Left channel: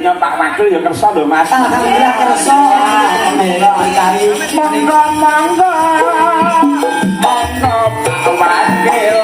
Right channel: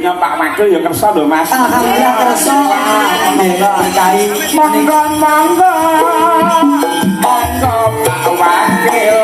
blionya Pak Wakil ya kersa lho Mas. Alhamdulillah kersa. Melo kali Monggo-monggo. Monggo Pak Wakil.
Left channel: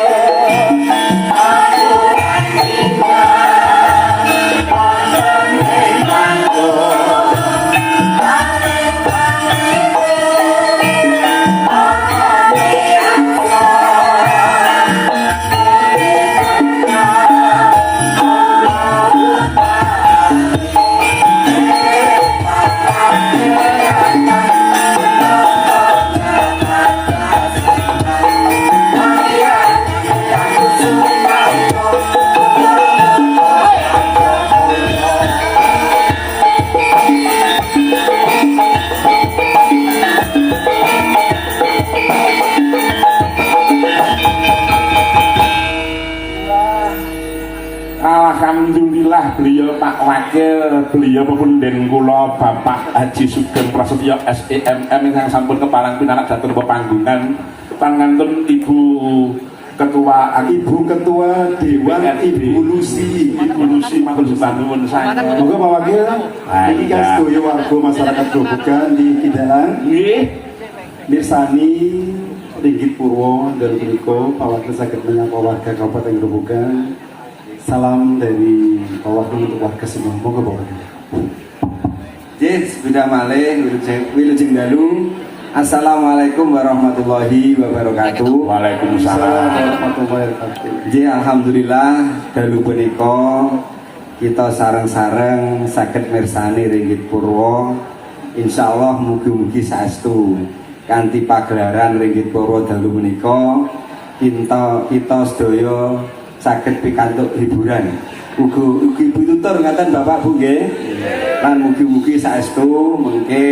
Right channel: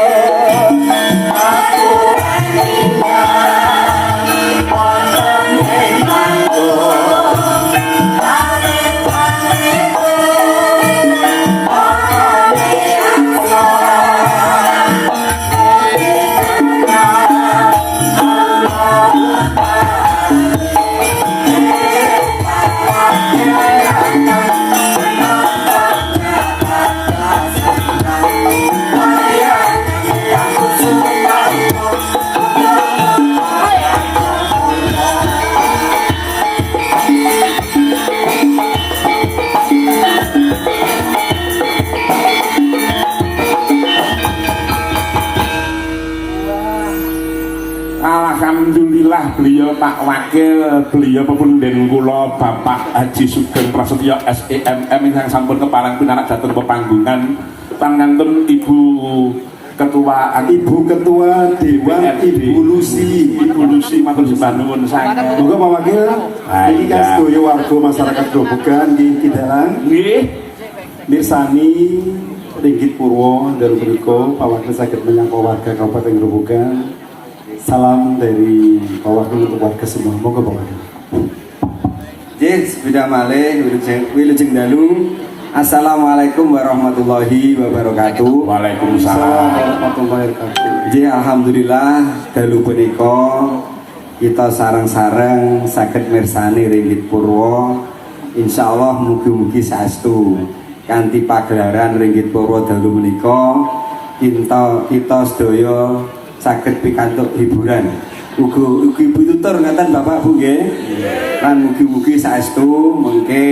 Alhamdulillah beliau Pak Wakil, beliau pepunden kula Bapak Haji Sugeng Prasetyo SEMM yang sampun kepalang pinarak dhateng pepanggungan panganten Ibu Ketua Dewan Ibu Lucy matur nuwun sanget. Moga Pak Wakil ini kan sedaya warga masyarakat Grobogan di Kidalang Nggih mirsani Ringgit Purwo dari punika Pak Wakil saged menyapa warga Kabupaten Grobogan. Salam dari Pak Wakil untuk warga semua. Moga Pak Wakil. Yes, bida malih wilujeng dalu. Assalamualaikum warahmatullahi wabarakatuh. Waalaikumsalam warahmatullahi wabarakatuh. Ji alhamdulillah dalu punika kita sareng-sareng saged mirsani Ringgit Purwo. Insyaallah mugi-mugi saestu kanthi pagelaran Ringgit Purwo dalu punika kita sedaya saged pikantuk hiburan. Ugi bututur ngaten Bapak Bu nggih. Lan mugi-mugi saestu mengke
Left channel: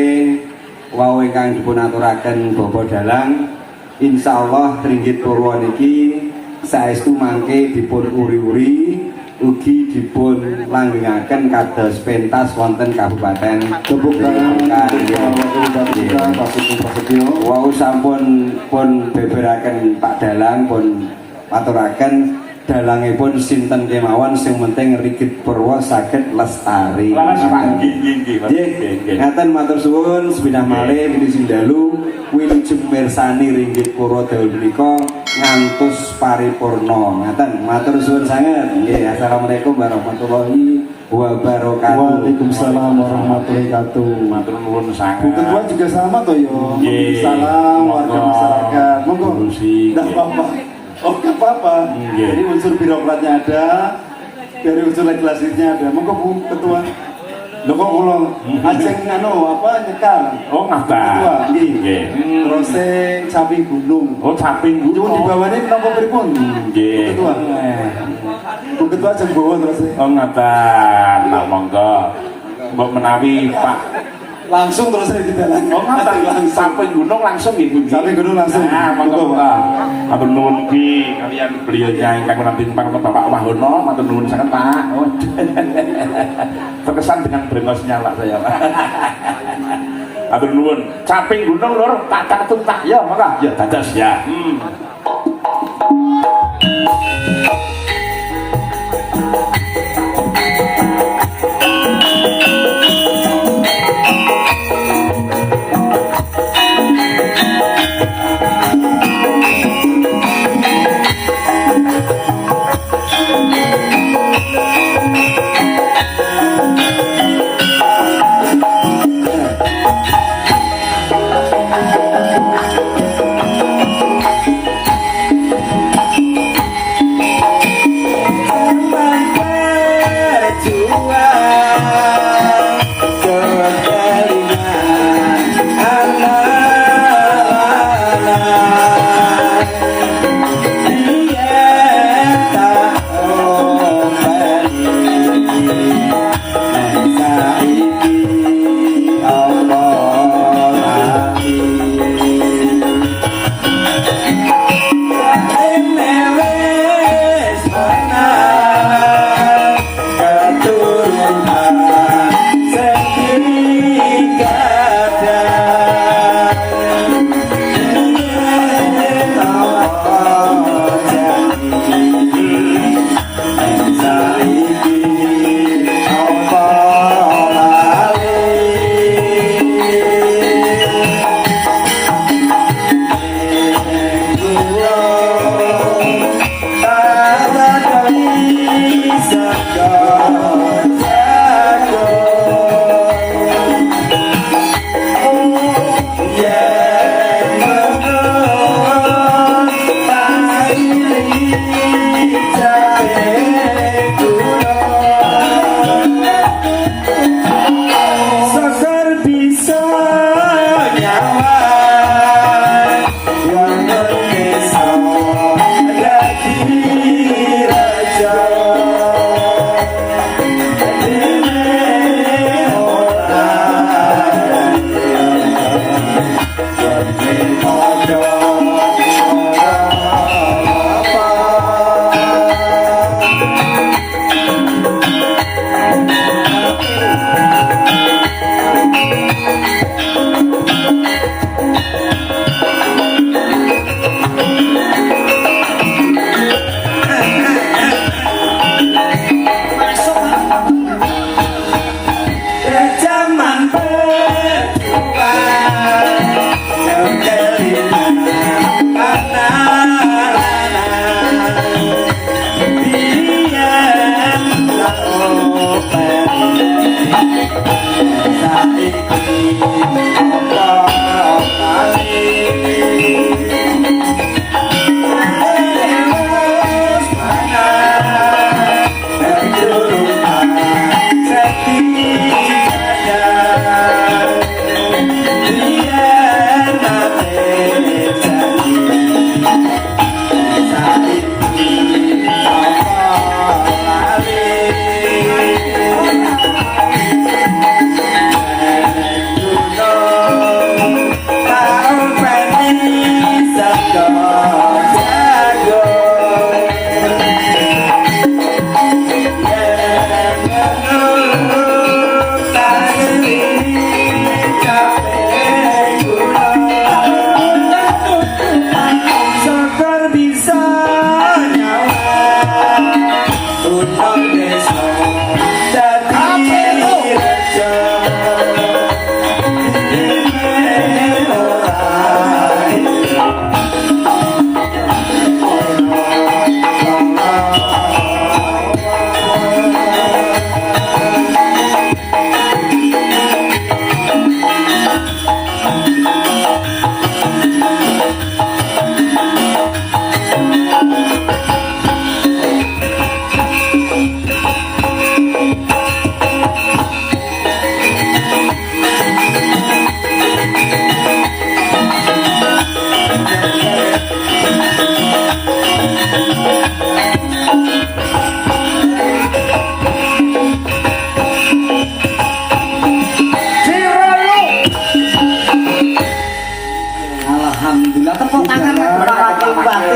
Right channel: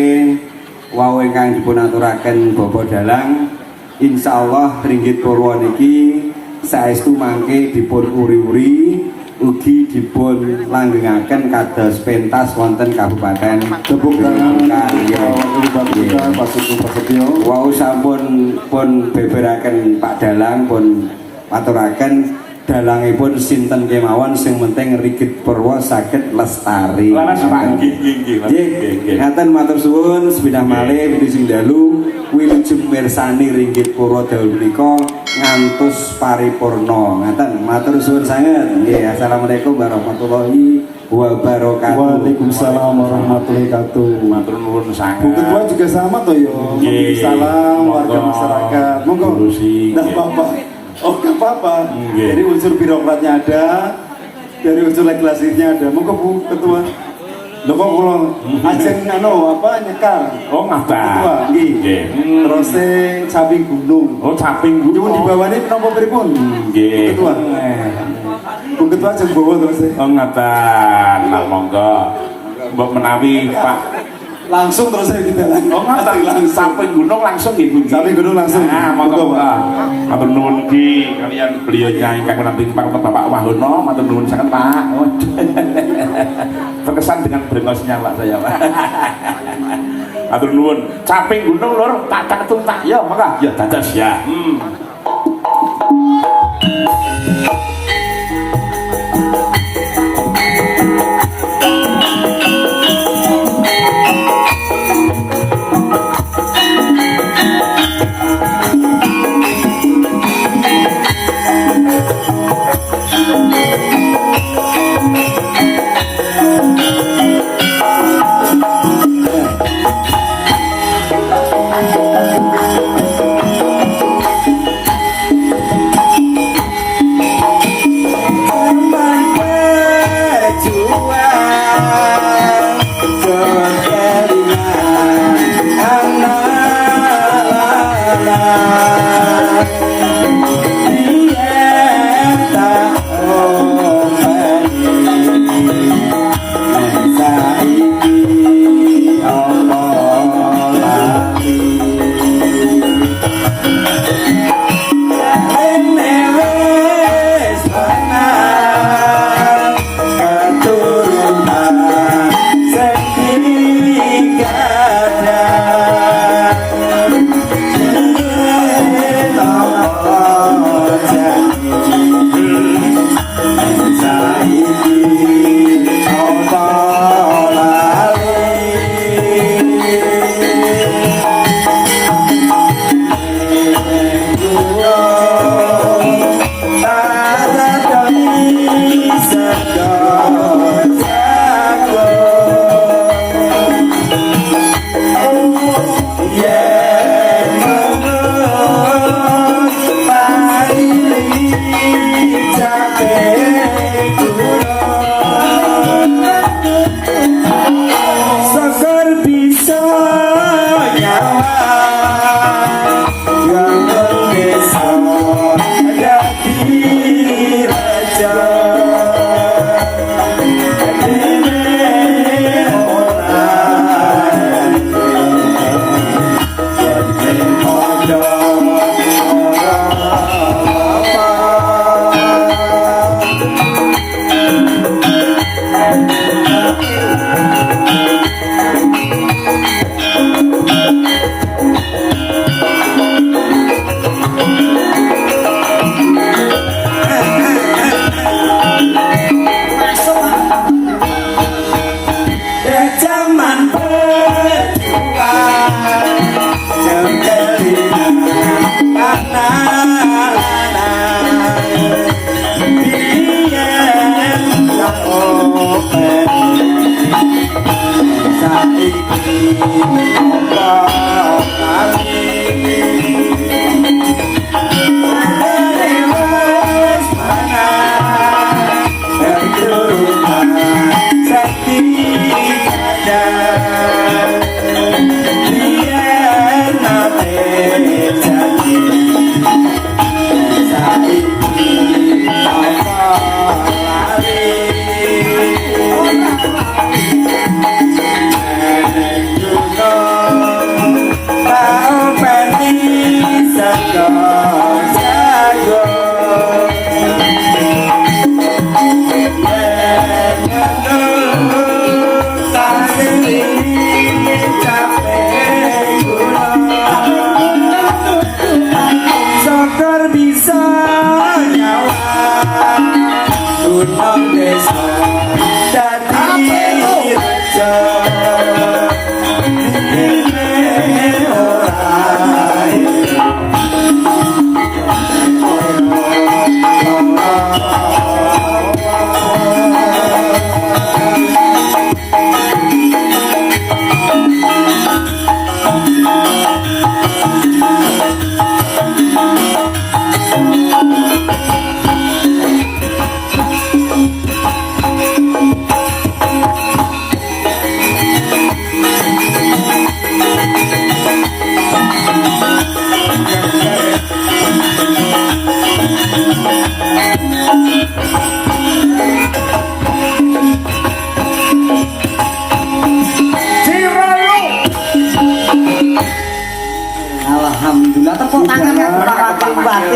wau ingkang dipunaturaken Bapak Dalang insyaallah Ringgit Purwo niki saestu mangke dipun uri-uri ugi dipun langgengaken kados pentas wonten Kabupaten Tepuk tangan Karya. Wau sampun pun beberaken Pak Dalang pun aturaken dalangipun sinten kemawon sing penting Ringgit Purwo saged lestari. Ngaten matur suwun sepidah malih sing dalu wilujeng mirsani Ringgit Purwo dalu menika ngantos paripurna. Ngaten matur suwun sanget. Nggih, assalamualaikum warahmatullahi wabarakatuh. Waalaikumsalam warahmatullahi wabarakatuh. matur nuwun sanget. Bu Ketua juga sama toh yo. Salam warga masyarakat. Monggo. Dah Bapak. Oh gak apa-apa. Jadi unsur birokratnya ada, dari unsur legislatifnya ada. Monggo Bu Ketua. Lho kok kula ajeng nyekar. Oh ngaten. Nggih. Terus samping gunung. Oh samping gunung. Cuma di bawahnya napa pripun? Nggih. Ketua. Bu Ketua ajeng bawa terus. Oh ngaten. Nah monggo. Mbok menawi Pak Langsung terus saya di dalam. Oh ngaten samping gunung langsung nggih. Samping gunung langsung. Nah monggo Pak. Matur nuwun ki kalian beliau ingkang nampi Bapak Wahono. Matur nuwun sanget Pak. Terkesan dengan brengosnya Pak saya Pak. Matur nuwun. Samping gunung lur tak catung tak ya maka ya dados ya. Alhamdulillah tepuk tangan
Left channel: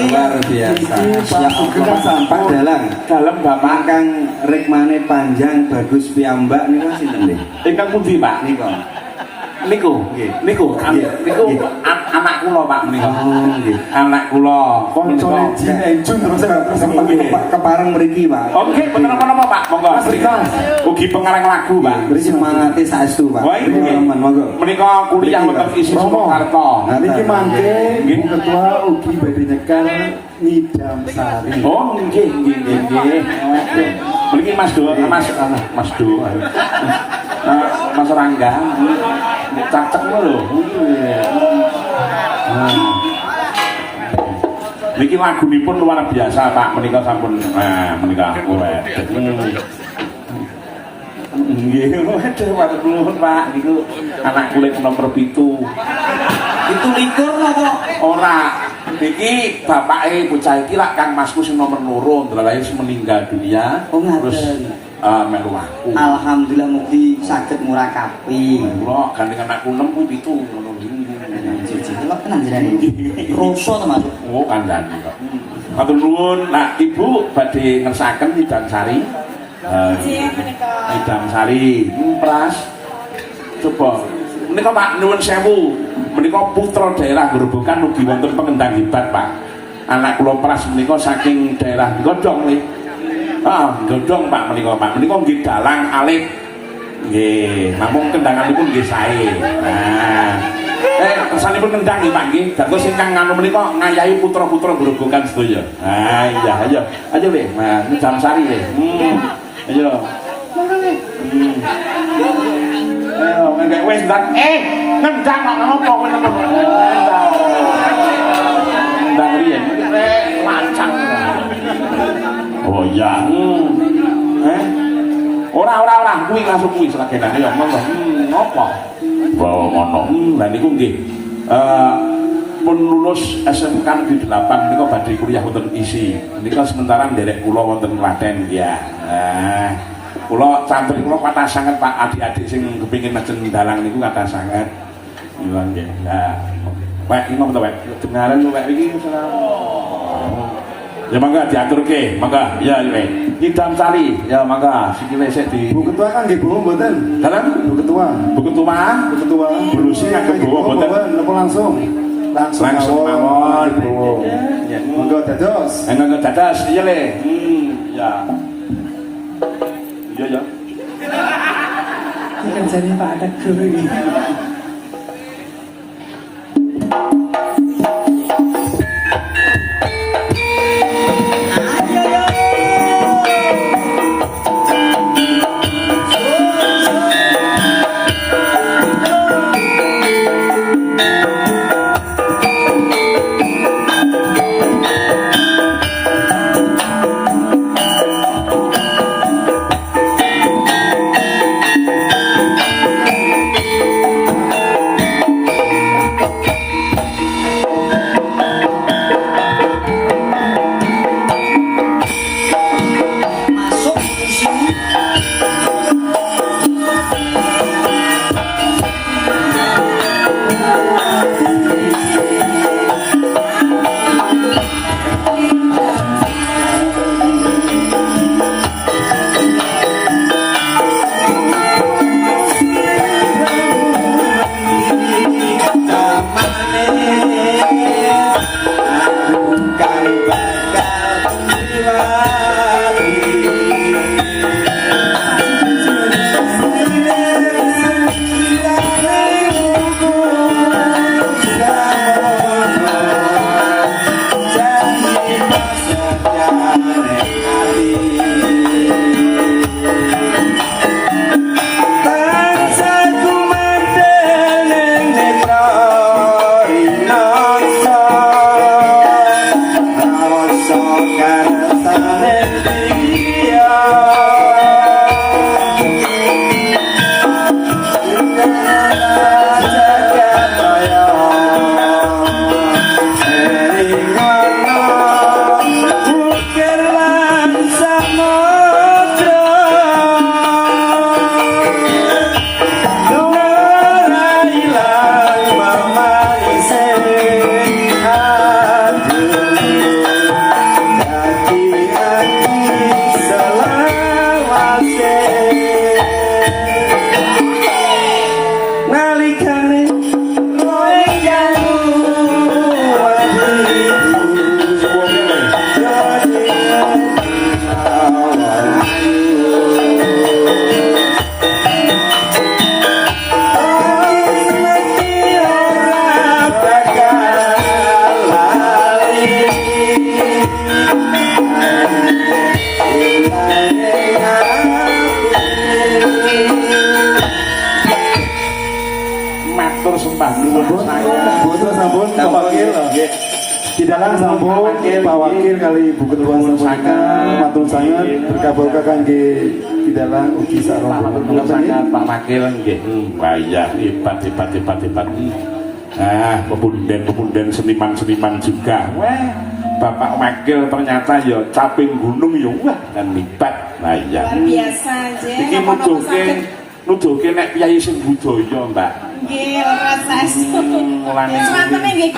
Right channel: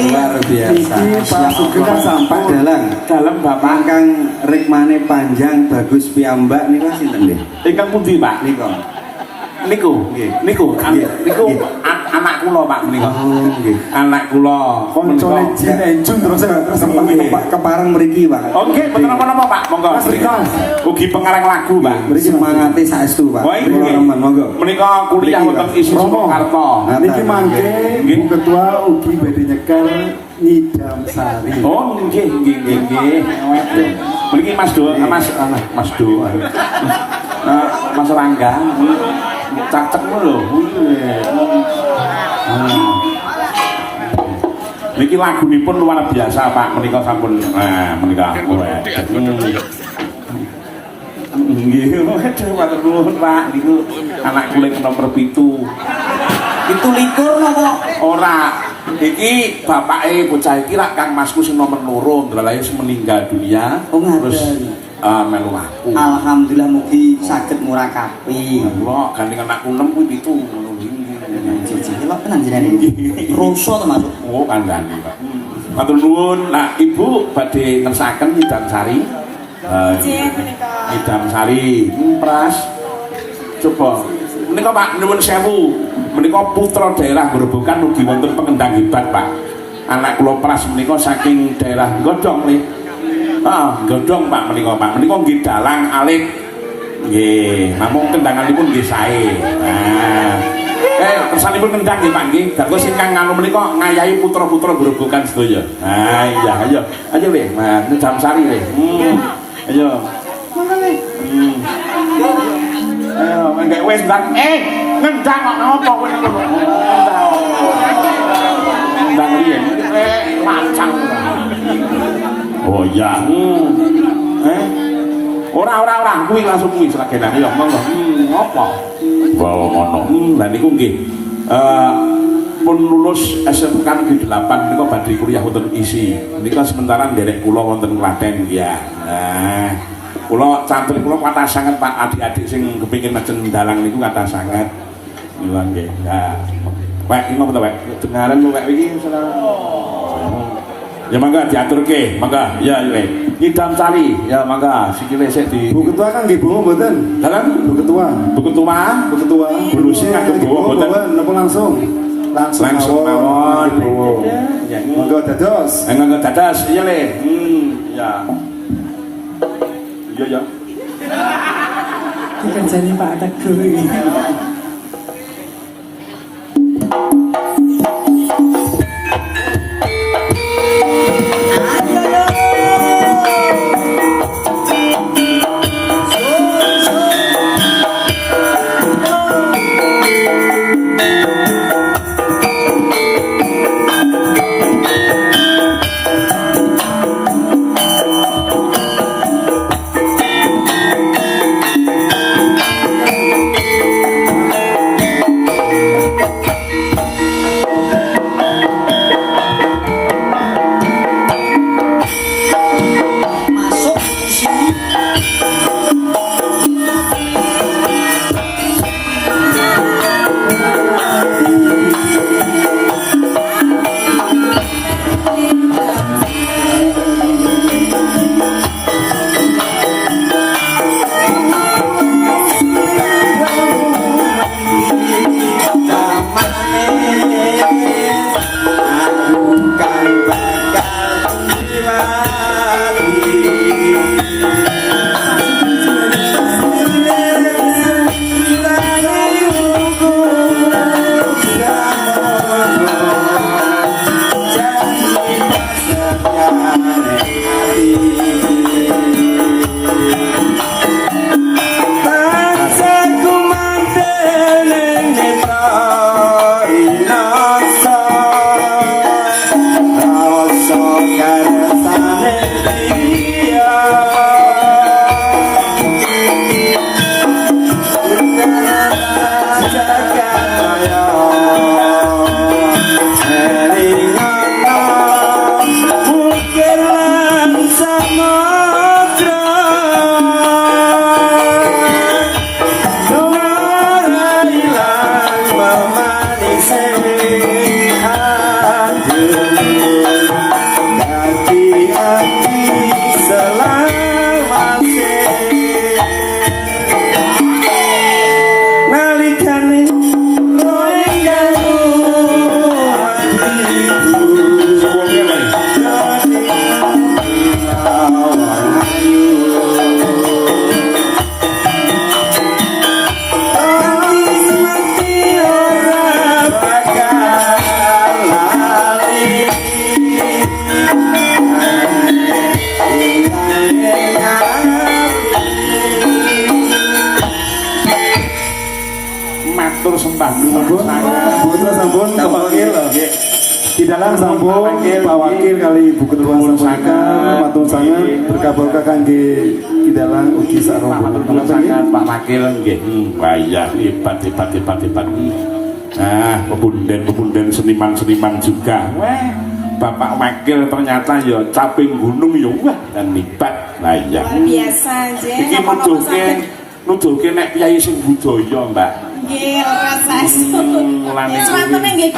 luar biasa. Kita sampai dalam bapak kang rikmane panjang bagus piyambak niku sinten nggih? Ingkang pundi, Pak? Niku. Niku, niku, Nggih. niku anak kula, Pak, menika. Oh nggih. Anak kula. Koncone Jin Enjun terus Kepareng mriki, Pak. Oke, bener apa Pak? Monggo. Mas Rikon. Ugi pengarang lagu, Pak. Mriki semangate saestu, Pak. Wah, nggih. Monggo. Menika kuliah Mriki, wonten Pak. isi Surakarta. Niki mangke Bu Ketua ugi badhe nyekel Ngidam Sari. Oh, nggih, nggih, nggih, nggih. Mriki Mas Do, Mas Do. Mas Rangga. Cacek lho. Niki lagunipun luar biasa, Pak. Menika sampun menika. Nggih, waduh, matur nuwun, Pak. Niku anak kulit nomor 7. itu likur apa? Ora. Iki bapake bocah iki lak Kang Masku sing nomor 2, ndelalae sing meninggal dunia. Oh, ngaten. Terus melu aku. Alhamdulillah mugi saged murakabi. Kula gandeng anakku 6 ku 7 ngono Cici, delok tenan jenengan iki. Roso to, Mas. Oh, kandhani, Pak. Matur nuwun. Nah, Ibu badhe ngersaken Ngidam Sari. Ngidam Sari, Pras. Coba. Menika Pak nuwun sewu. Menika putra daerah Grobogan mugi wonten pengendang hebat, Pak. Anak kula Pras menika saking daerah Godhong nggih. Godhong Pak menika, Pak. Menika nggih dalang alit. Nggih, namung kendanganipun nggih sae. Kesanipun kendang nggih Pak nggih. Dados ingkang nganu menika ngayahi putra-putra Grobogan sedaya. Iya, ayo. Ayo Le. Nah, Ngidam Sari Le. Ayo. Monggo Le. Ayo, nggak wes ndak. Ngendang apa kowe? Ngendang riyen. Lancang. Oh iya. Ora kuwi langsung kuwi selagenan ya monggo. Apa? Bawa ngono. Lah niku nggih. Pun lulus SMK Negeri 8 niku badhe kuliah wonten ISI. Nika sementara nderek kula wonten Klaten ya. Kula santri kula kathah sanget Pak, adik-adik sing kepengin majeng dalang niku kathah sanget. Niku nggih. Nah, Pak iki ngopo to, Pak? Dengaran kok iki ya mangga diaturke, mangga. Ya, Ngidam Sari, ya mangga. Sikile sik di Bu Ketua kan nggih bawa mboten? dalan Bu Ketua. Bu Ketua. Bu Ketua. Bulusnya kagak bawa mboten? Napa langsung? Langsung mawon, Bu. Ya, Monggo dados. enggak dadas, iya Le. Ya. Iya ya. Kerjanya Pak Teguh ini. sembah Putra sampun Pak Wakil. Di dalam sampun Pak Wakil kali Ibu Ketua sampaikan matur sangat berkah-berkah kangge di dalam ugi sarana. Matur sangat Pak Wakil nggih. Wah iya hebat. Ah, pepunden seniman juga. Wah, Bapak Wakil ternyata ya caping gunung ya wah dan hebat. Nah iya. Luar biasa aja. Iki nuduhke nek piyai sing budaya, Mbak. Nggih, ora saestu. Mulane Swatene nggih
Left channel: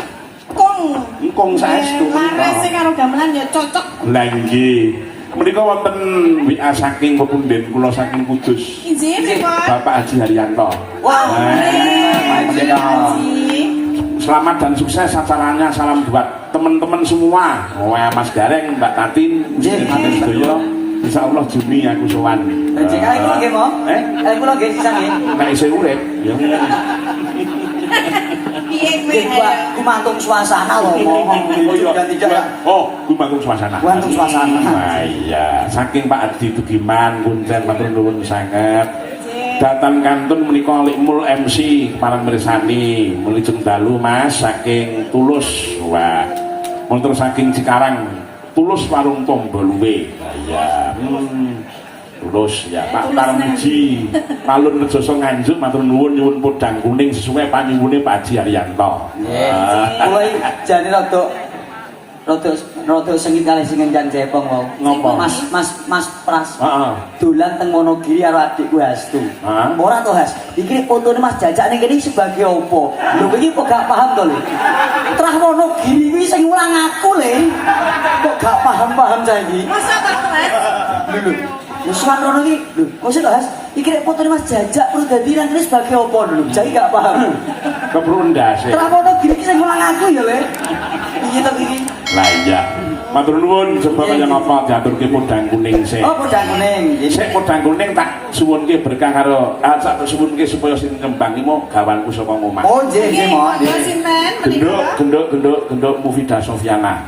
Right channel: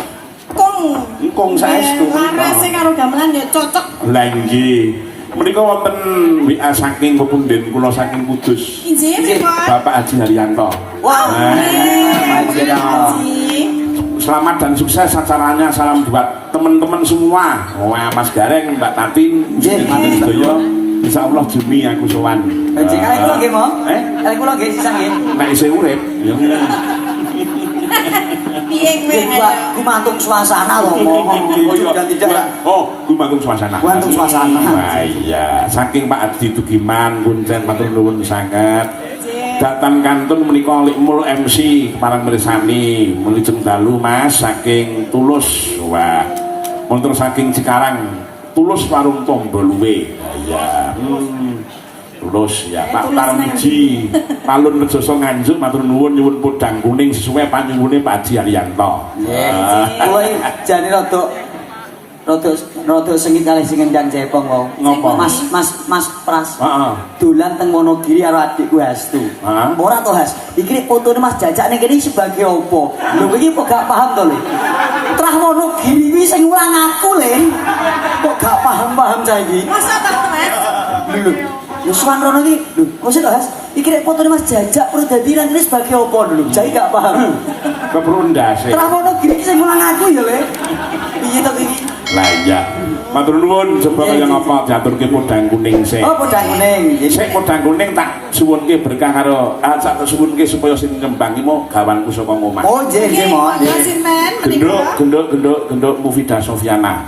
kung saestu. Larase karo gamelan ya cocok. Lah nggih. Menika wonten WA saking pepunden kula saking Kudus. Injih menika. Bapak Haji Haryanto. Wah, Nah, Haji. selamat dan sukses acaranya. Salam buat teman-teman semua. Wah, Mas Gareng, Mbak Tatin, Sedoyo. Insya Allah Juni aku sowan. Jadi kali kula nggih mo. Eh? Kali kula nggih sisa nggih. Nek isih urip, ya ngene. Piye kowe? Gumantung suasana loh, mohon dan tidak. Oh, gumantung suasana. Gumantung suasana. Wah iya, saking Pak Adi Tugiman, kuncen matur nuwun sanget. Datang kantun menika Likmul MC para mirsani, menuju dalu Mas saking Tulus. Wah. Montor saking Cikarang, Tulus Warung Tomboluwe. Iya. Tulus ya Pak Tarmiji, Palun Rejoso Nganjuk matur nuwun nyuwun podang kuning sesuai panyuwune Pak Haji Haryanto. Kowe jane rada sengit kalih sing ngendhan Jepang wae. Ngopo? Mas Pras. Heeh. Dolan teng Wonogiri karo adikku Hastu. Hah? Ora to Has. Iki fotone Mas Jajak ning kene sebagai opo? Lho iki kok gak paham to lho. Trah Wonogiri iki sing ulang aku lho. Kok gak paham-paham cah iki. Masa to, Mas? Lho. Musuhan rono iki, lho, mesti to Has. Iki nek fotone Mas Jajak perlu dadi nang kene sebagai opo lho. Jadi gak paham. Keprundas. Trah Wonogiri iki sing ulang aku ya le. Piye to iki? Lah iya. Matur nuwun coba yang apa diaturke podang kuning sik. Oh, podang kuning. Sik podang kuning tak suwunke berkah karo tak suwunke supaya sing nyembang iki mau gawanku saka omah. Oh, nggih nggih mo. Ya sinten? Genduk Mufidah Sofiana.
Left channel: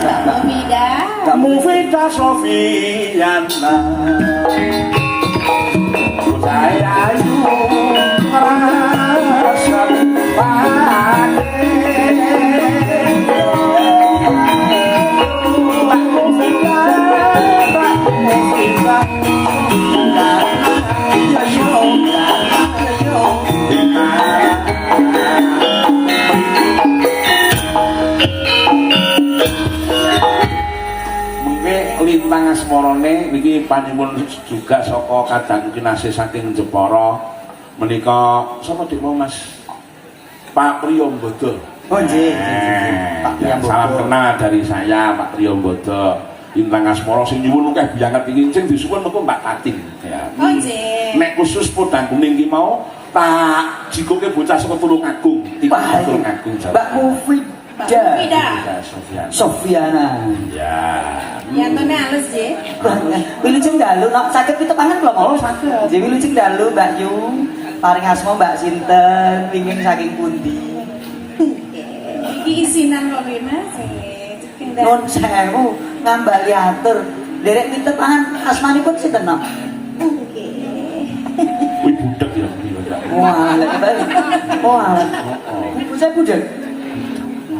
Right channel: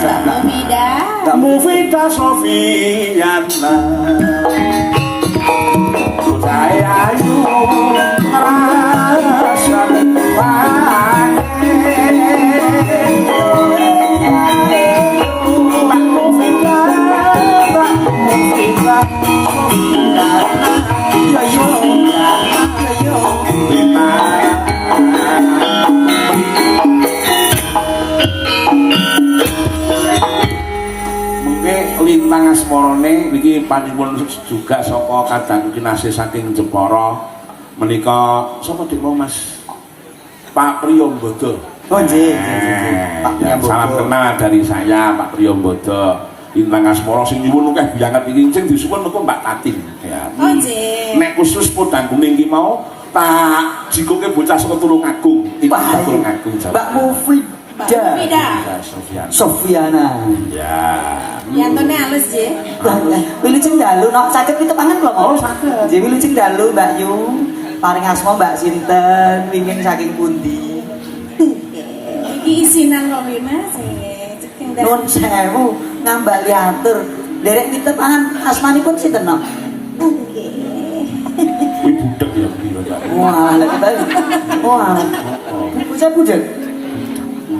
Novida. Mufidah Sofiana. Saya lintang asmarane niki panyuwun juga saka kadang kinasih saking Jepara menika sapa dik Mas Pak Priyambodo. Oh nggih. Pak Priyambodo. Salam kenal dari saya Pak Priyambodo. Lintang asmara sing nyuwun akeh banget iki sing disuwun niku Mbak Tatin ya. Oh nggih. Nek khusus podang kuning iki mau tak jikoke bocah saka Tulungagung. Pak Tulungagung Jawa. Mbak Mufidah. Novida. Sofiana. Ya. Yantone halus nggih. Wilujeng dalu nok saged pitepangan kula Oh, mau. saged. Nggih wilujeng dalu Mbak Yu. Paring asma Mbak sinten, pingin saking pundi? Iki isinan kok nggih Mas. Ceking Nun sewu ngambak liatur. Derek pitepangan asmanipun sinten nok? Kuwi budek ya kuwi. Wah, lek kebalik. Wah. Saya budek.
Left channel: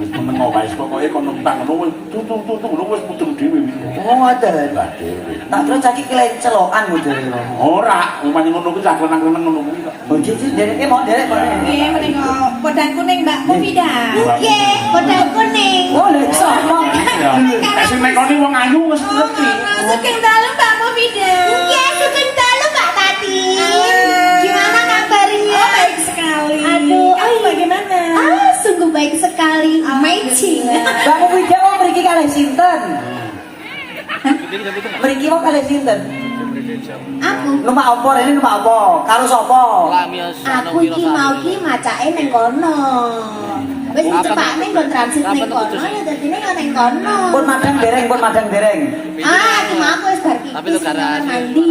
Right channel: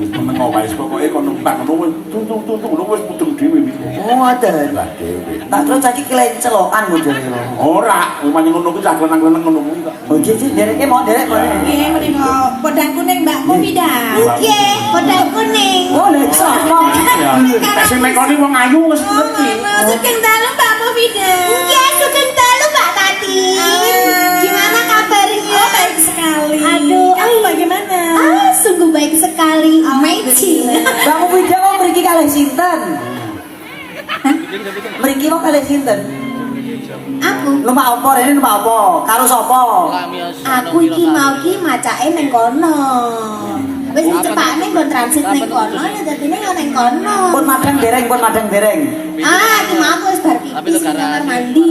Temen mau wis pokoke kon numpang ngono wis tutung wis putung dhewe iki. Oh, ngoten. Lah dhewe. Tak terus saiki kelencelokan modele. Ora, umane ngono kuwi cah klenang-klenang ngono kuwi. Oh, nggih, derek mau derek. Nggih menika podang kuning Mbak Novida. Nggih, podang kuning. Oh, lek sono. Nek sing nekoni wong ayu wis ngerti. Sugeng dalu Mbak Novida. Nggih, sugeng dalu Mbak Tati. Gimana kabarnya? Oh, baik sekali. Aduh, kamu bagaimana? Sungguh baik sekali, amazing. Kamu video mau mriki kalih sinten? Mriki mau kalih sinten? Aku, Numpak apa rene numpak apa? Karo sapa? aku iki mau ki macake neng kono. Wis cepakne nggon transit neng kono, dadine yo neng kono. Pun madang dereng. Ah, iki mau aku wis bar pipis kamar mandi.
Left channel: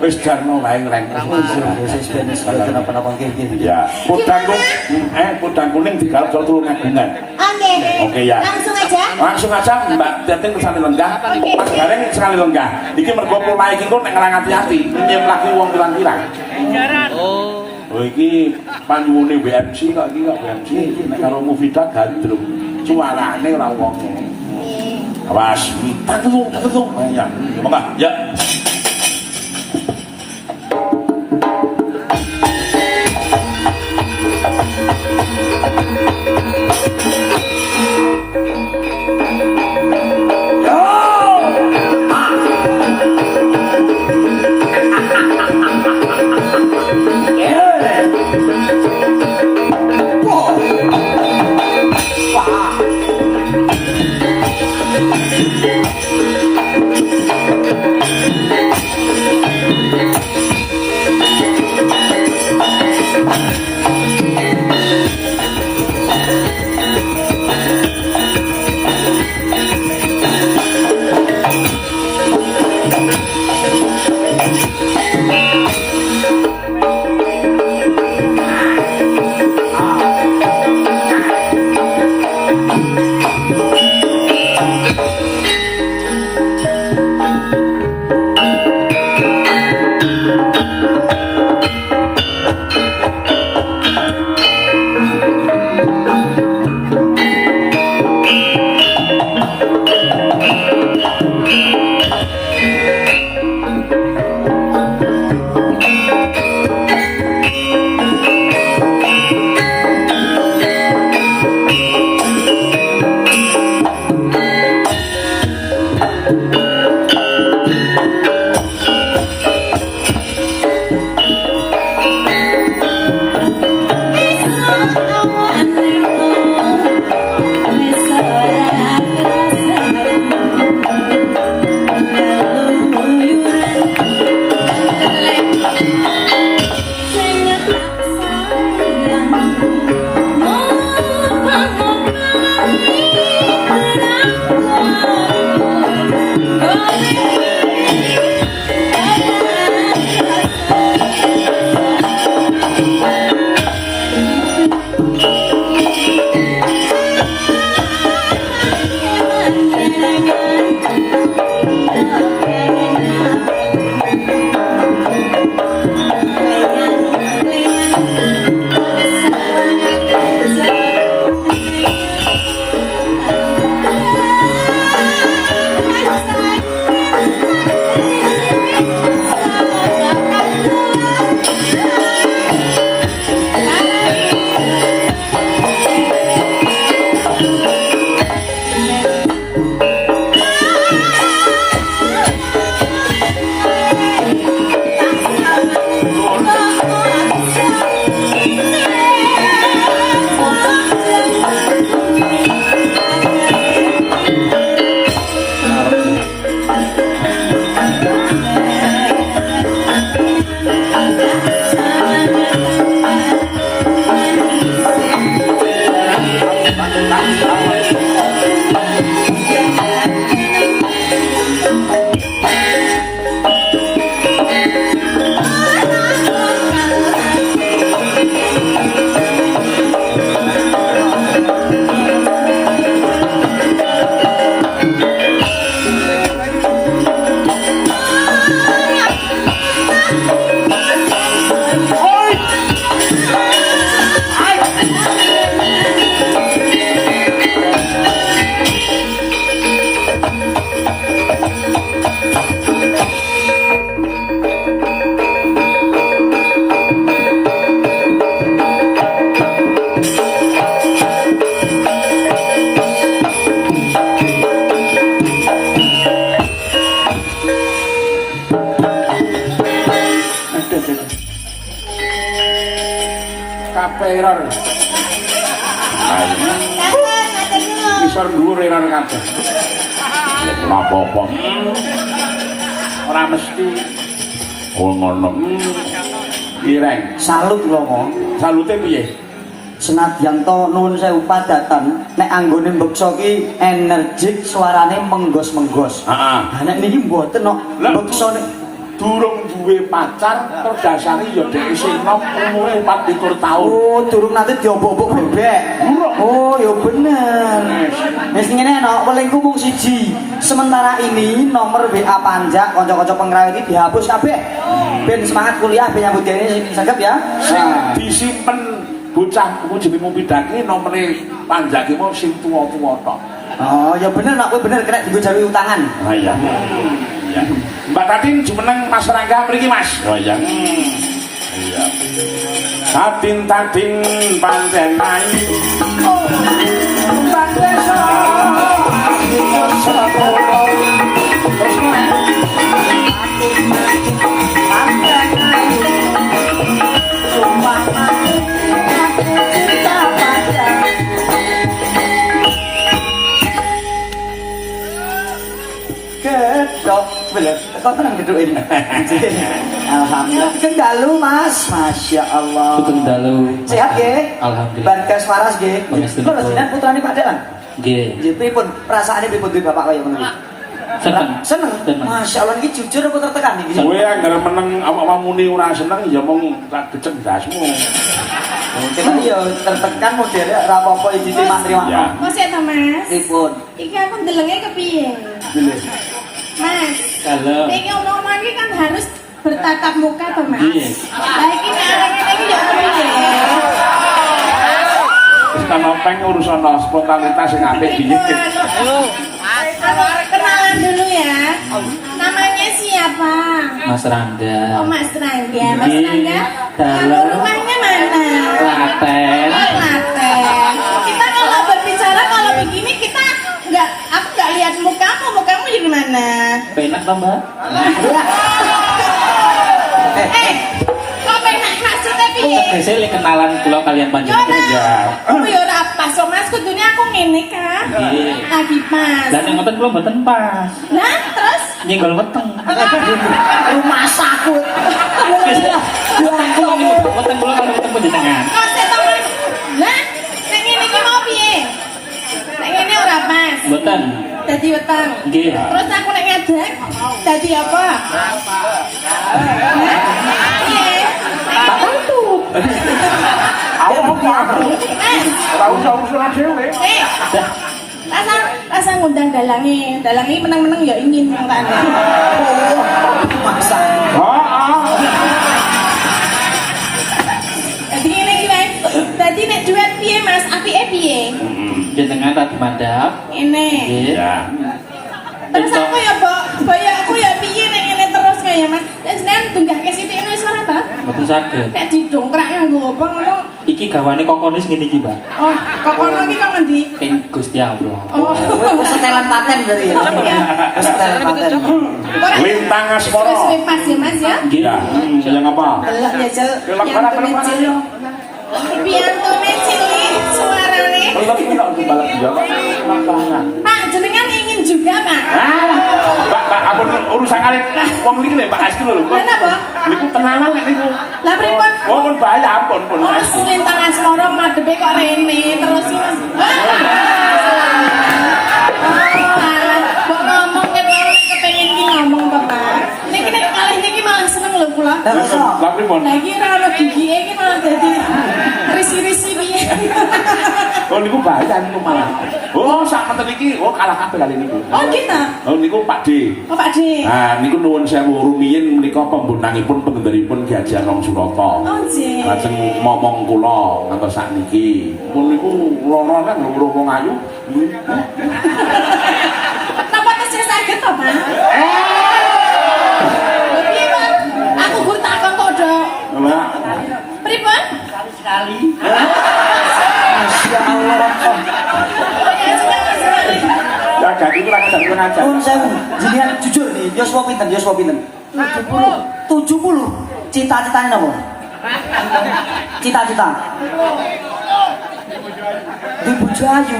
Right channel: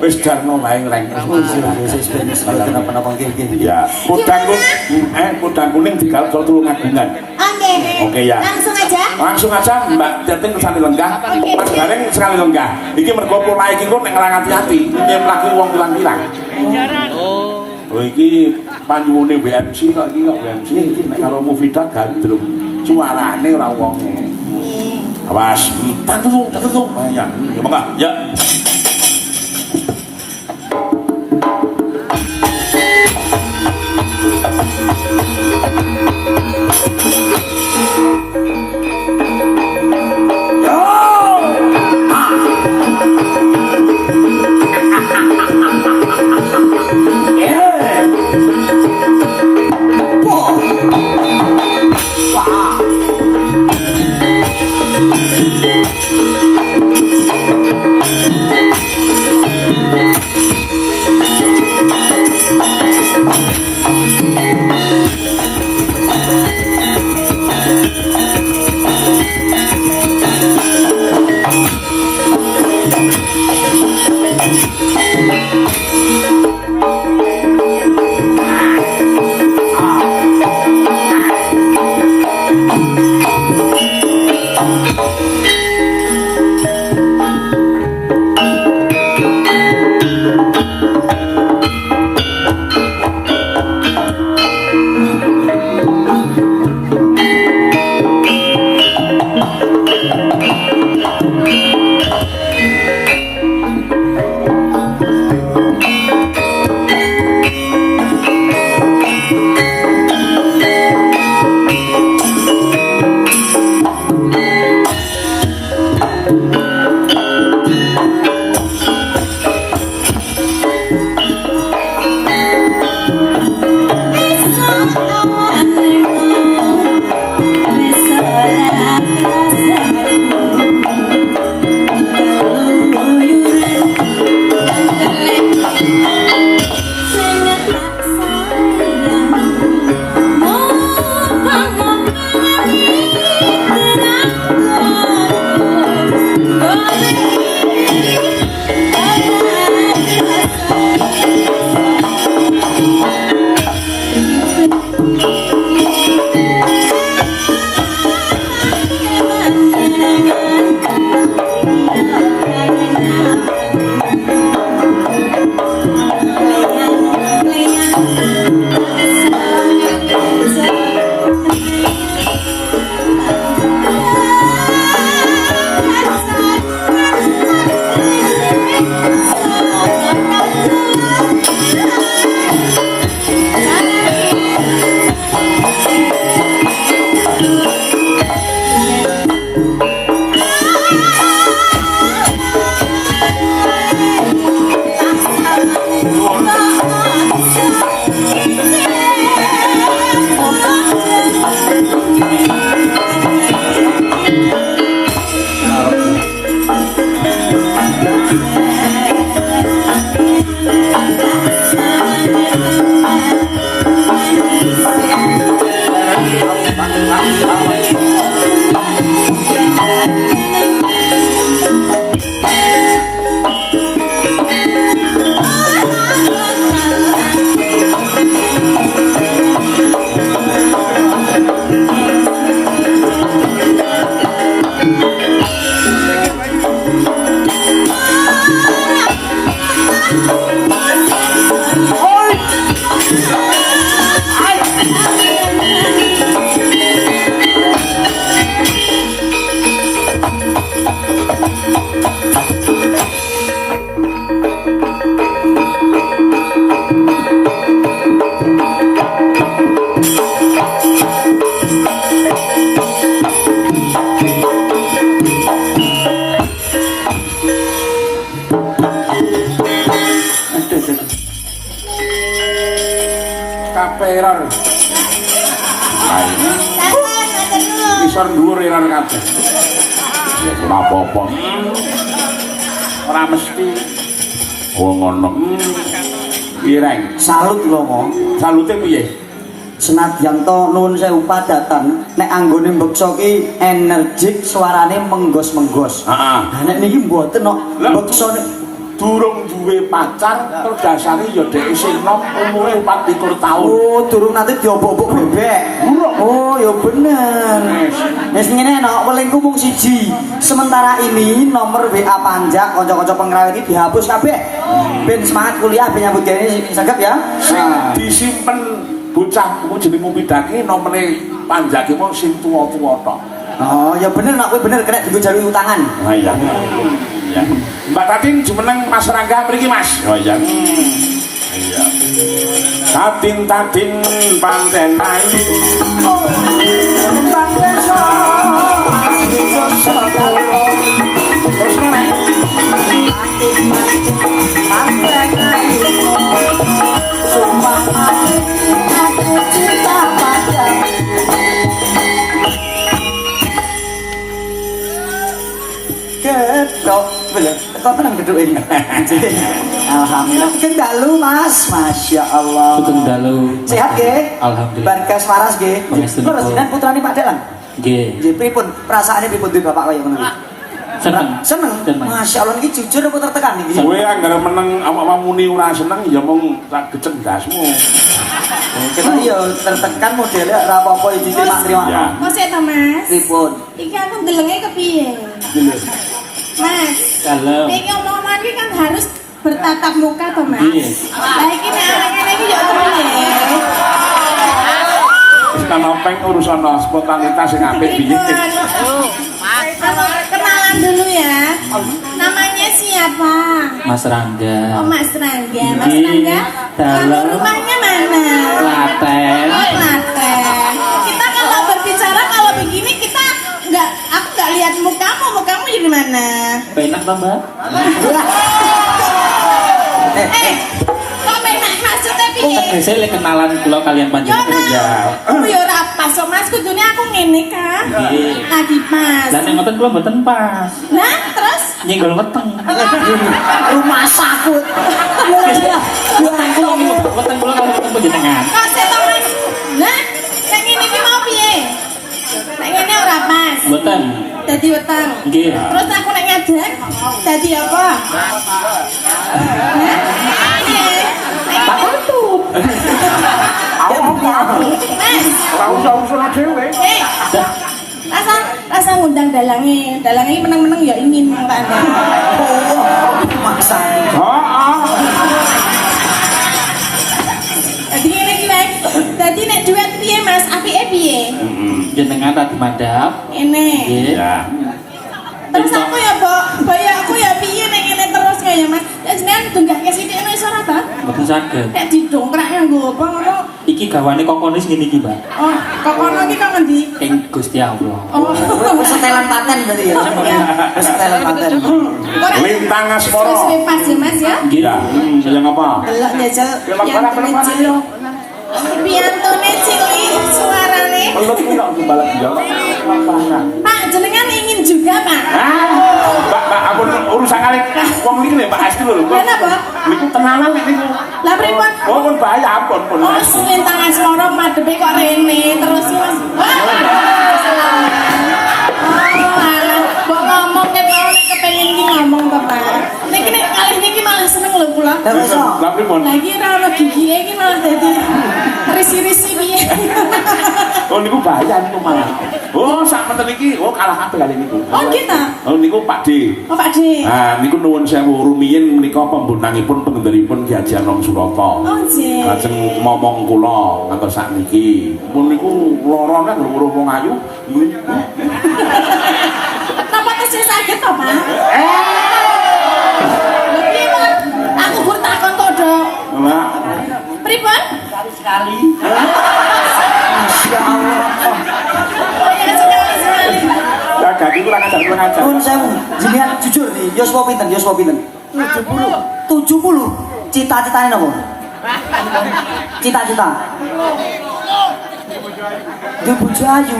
Wis jarno lae ngreng. Wis benes apa-apa nggih. Ya, podang kuning digarap karo Tulungagungan. Oke ya. Langsung aja. Langsung aja Mbak Teting kesane lenggah. Mas Gareng sekali lenggah. Iki mergo pola iki kok nek ngelang ati-ati, nyem lagi wong pirang-pirang. Oh iki Panyuwune WMC kok iki kok WMC. Kalau Mufidah gandrung. Suarane ora wong. Awas, tanggung. Ya, monggo. Ya. Kaperan. Isor dhuwur eran kabeh. Ora apa-apa. Ora mesti. Oh ngono. Pireng. Salut lho kok. Salute piye? Senadyan to nuwun sewu padatan nek anggone mbeksa ki energik suarane menggos-menggos. Heeh. Lah nek niki mboten kok mbeksane Durung duwe pacar terdasari ya dhek isih nom umure 24 tahun. Oh, durung nanti diobok-obok bebek. Oh, ya bener. Wis ngene nek welingku mung siji. Sementara ini nomor WA Panjak kanca-kanca pengraw iki dihapus kabeh. Ben semangat kuliah ben nyambut gawe saged ya. Sing disimpen bocah ku jeneng Pidaki nomere Panjak ki mung sing tuwa-tuwa tok. Oh, ya bener mak kowe bener kena dienggo jalur utangan. Oh iya. Iya. Mbak Tatin jumeneng Mas Rangga mriki Mas. Oh iya. Iya. Tatin panten main. Gedok, belum. Apa nang gedok ini? Alhamdulillah. Kendalu Mas, masya Allah. Putung dalu. Sehat ge? Alhamdulillah. Barkas waras ge. Pangestu Terus nipun. jenengan putrane Pak Delan. Nggih. Nggih pripun? Perasaane pripun duwe bapak kaya ngono? Seneng. Seneng. Seneng. Masya Allah iki jujur apa tertekan iki? Kowe anggere meneng awak muni ora seneng ya mung tak dicendasmu. Kita iya tertekan modelnya ora apa-apa iki mantri Ya. Mas ya toh Mas. Pripun? Iki aku ndelenge kepiye? Mas. Kalem. Iki omongan iki kan harus bertatap muka toh Mas. Iya. Lah iki nek arek-arek iki ya kepiye? Wis kan openg urusan spontanitas sing apik piye. Kenalan dulu ya. Namanya siapa? Mas Rangga. Oh Mas Rangga. Mas Ini Rangga. dalam- Rumahnya mana? Klaten. Oh Klaten. Kita kalau berbicara kalau begini kita aku nggak lihat mukamu jadi mana? Penak to, Mbak? Kok penak maksudnya piye? Saya lek kenalan kula kalian Yo panjenengan. nak, aku yo ora pas kok Mas kudune aku ngene kan. Nggih. Lagi pas. Lah nek ngoten kula mboten pas. Nah, terus Nyenggol weteng. Rumah sakit. Weteng kula niku, weteng kula karo weteng panjenengan. kok saya tau Mas. Nah, nek ngene iki mau piye? Nek ngene ora pas. Mboten. Dadi weteng. Nggih. Terus aku nek ngadeg dadi apa? Ora usah dhewe. Rasa ngundang dalange iki meneng-meneng ya ingin mangkane. Maksa. Dadi ngene iki wae. Dadi nek duet piye Mas? Apike piye? Jenengan tak mandap. Ini. Nggih. Ya. Terus aku ya, Mbok ya aku ya piye nek ngene terus kaya Mas. Lah jenengan tunggake sithik nek iso ora ta? Mboten saged. Nek didongkrak nggo apa ngono? Iki gawane kokonis ngene iki, Mbak. Oh, kok kono iki kok ngendi? Ing Gusti Allah. Oh. Setelan paten berarti ya. Setelan paten. Lintang Asporo. Sudah pas ya Mas ya? Nggih. Ya, sayang apa? Delok ya Jel, piantune cilik. Piantune cilik suarane. Belum kok balap jauh. Pak, jenengan ingin juga, Pak. Mbak, aku urusan kali wong iki lho Pak Asti lho. Lah napa? Niku tenanan nek niku. Lah pripun? Oh, pun bahaya ampun pun. Oh, selintangan Asporo madhepe kok rene terus Mas. Mbok ngomong nek mau kepengin iki ngomong to, Pak. Niki nek kalih niki malah seneng lho kula. Lah iso. Lah pripun? Lagi ora ono gigike iki malah dadi risi-risi piye. Oh niku bahaya niku malah. Oh, sak menten iki kalah kabeh kali niku. Oh, gitu. Oh niku Pak D. Oh, Pak D. Nah, niku nuwun sewu rumiyin menika pembuntanipun penggenderipun Ki Haji Anom Surata. Oh, nggih. Lajeng momong kula ngantos sakniki. Mun niku lara kan urung wong ayu. Bapak tesih saged to, Pak? Pripun? Aku gur takon to, Dok. Ora. Pripun? Sekali. Masya Allah. Ya, sekali. Ya dadi kula ngajar. Pun saya jenengan jujur nih, Yoswa pinten? 70. Cita-citane napa? Cita-cita. Di bojo ayu.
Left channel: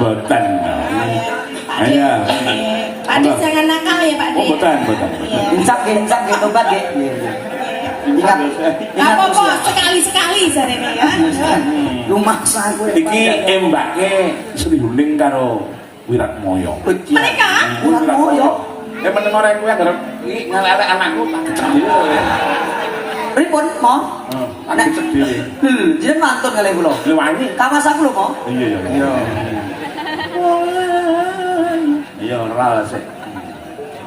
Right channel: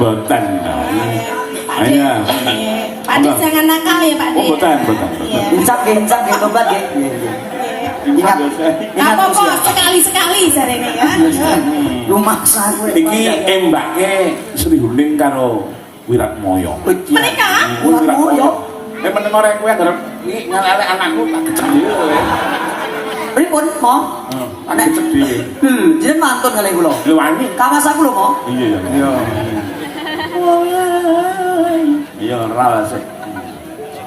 Boten. Hanya. Pak D jangan nakal ya, Pak D. Oh, boten. Incak nggih tobat nggih. Ingat. Gak apa-apa, sekali-sekali jarene ya. Rumah saya. Iki embake Sri Huning karo Wiratmoyo. Mereka? Wiratmoyo. meneng ora kowe arep iki ngelelek anakku tak kecil. Pripun, Mo? Tak kecil. Jeneng mantun kali kula. Lho wani. Kawas aku lho, Mo. Iya. Iya, ora sik.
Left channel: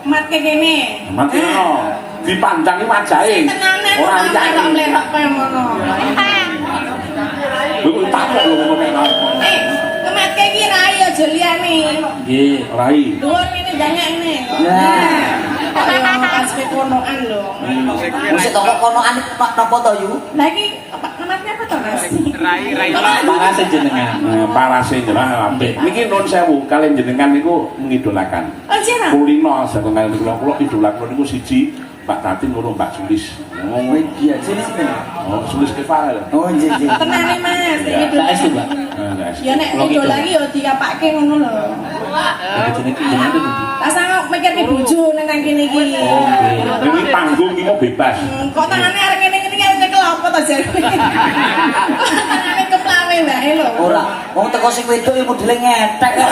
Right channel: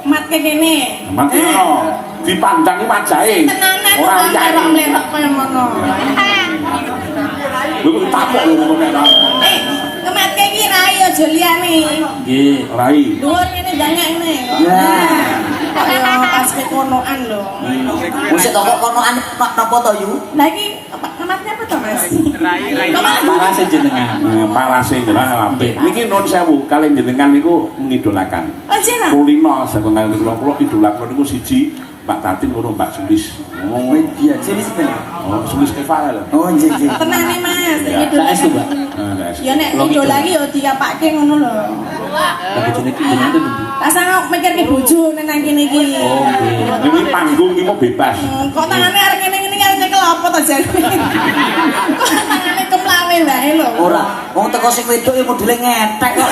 Mat kene. Mati no. Dipandangi wajahe. Tenanan Ora ora liyane. lerok kaya ngono. Lho tak kok lho ngono. Mat iki rai aja liyane. Nggih, rai. Dhuwur kene banyak ini. Ya. Ayo pas kekonoan lho. Wis tak konoan napa to yu? Lah iki matnya apa to, Mas? Parase jenengan. Parase jenengan apik. Niki nun sewu kalian jenengan niku ngidolakan. Oh, sira. Kulino setengah kula idolakan niku siji Pak Tati loro Mbak Sulis. Oh iya, sini sini. Oh, Sulis Kefal lho. Oh iya iya. Tenane Mas, Ya, itu. Saestu, Mbak. Ya nek idola lagi ya diapake ngono lho. Jenenge jenenge itu. Tak sanggup mikir ke bojo nang kene iki. Oh, nggih. Ini panggung iki mau bebas. Kok tangane arek kene-kene kan cekel apa to jare. Tangane keplawe wae lho. Ora, wong teko sing wedok ya modele ngetek kok.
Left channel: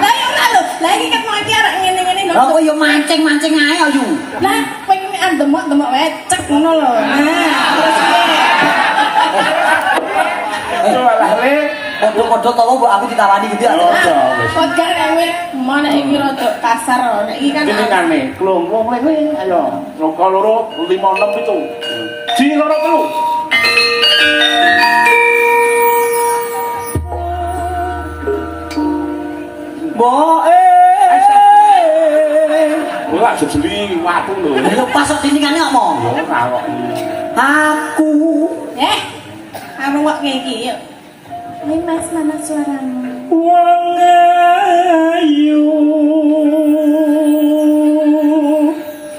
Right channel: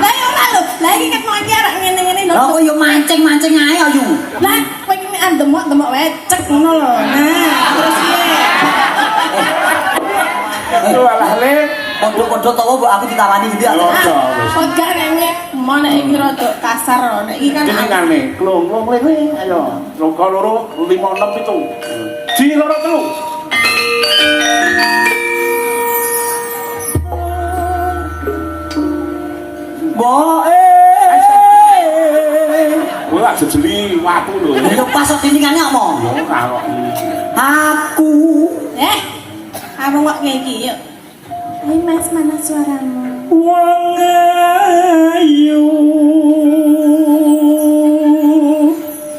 Lah ya ora lho. Lah iki ket mau iki arek ngene-ngene lho. Lah kok ya mancing-mancing ae ayu. Lah kowe iki mek demok-demok wae cek ngono lho. Nah, terus Itu alah le. Kodho-kodho tau mbok aku ditawani gitu ya. kok gak kowe mana iki rada kasar lho. Nek iki kan Jenengane klongo mlene ayo. Loko loro 5 6 7. Ji loro telu. Mbok Ora jejeli watu lho. Lho pas kok diningane apa? Ya kawak iki. Aku kamu kok kayak gini yuk. Ini Mas, mana suaramu? Wong ayu.